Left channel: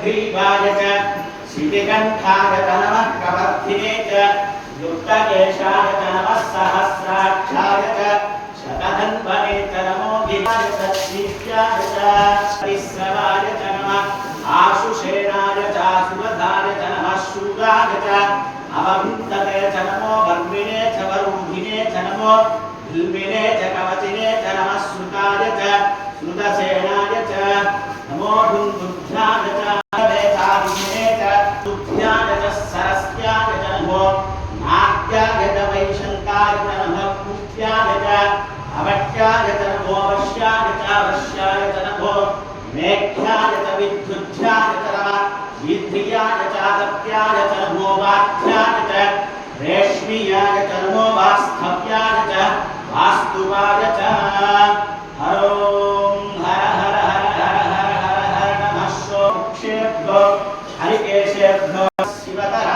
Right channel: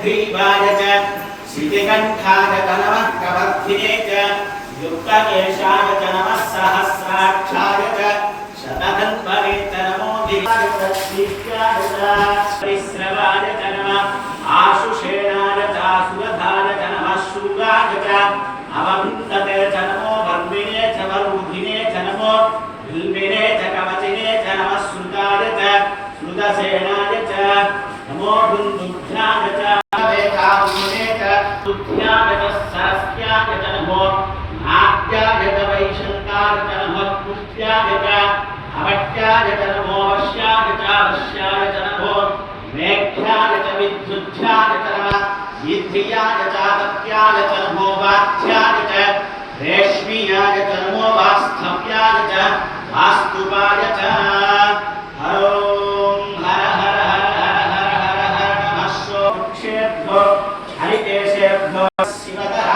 हयग्रीवाय च श्रीकण्ठाय नमः कवर्धिने च युक्तकेशाय च नमः सहस्राक्षाय च शतधन्वने च नमो विवाय च श्रीत्याय च परिश्रवाय च नमः आशुषेणाय च सुरधाय च नमः शूराय च अवभिन्दते च नमो वर्मिणे च वरूधिने च नमो बिल्विने च कवचिने च नमः श्रुताय च श्रुतसेनाय च नमो दुन्दुभ्याय च वेदामुने च दुभ्याय च सरस्याय च नमो नाट्याय च वैशन्ताय च नमः पुष्ट्याय च अवट्याय च नमो वश्याय च वश्याय च नमो मेघ्याय च विद्युद्ध्याय च नमः वीध्याय च आदत्याय च नमो वाध्याय च रेश्मियाय च नमो वास्तव्याय च वास्तुपाय च हर हर हर हर हर हर हर हर नमः सोक्षेभ्यो हरिकेशेभ्यो शिवतः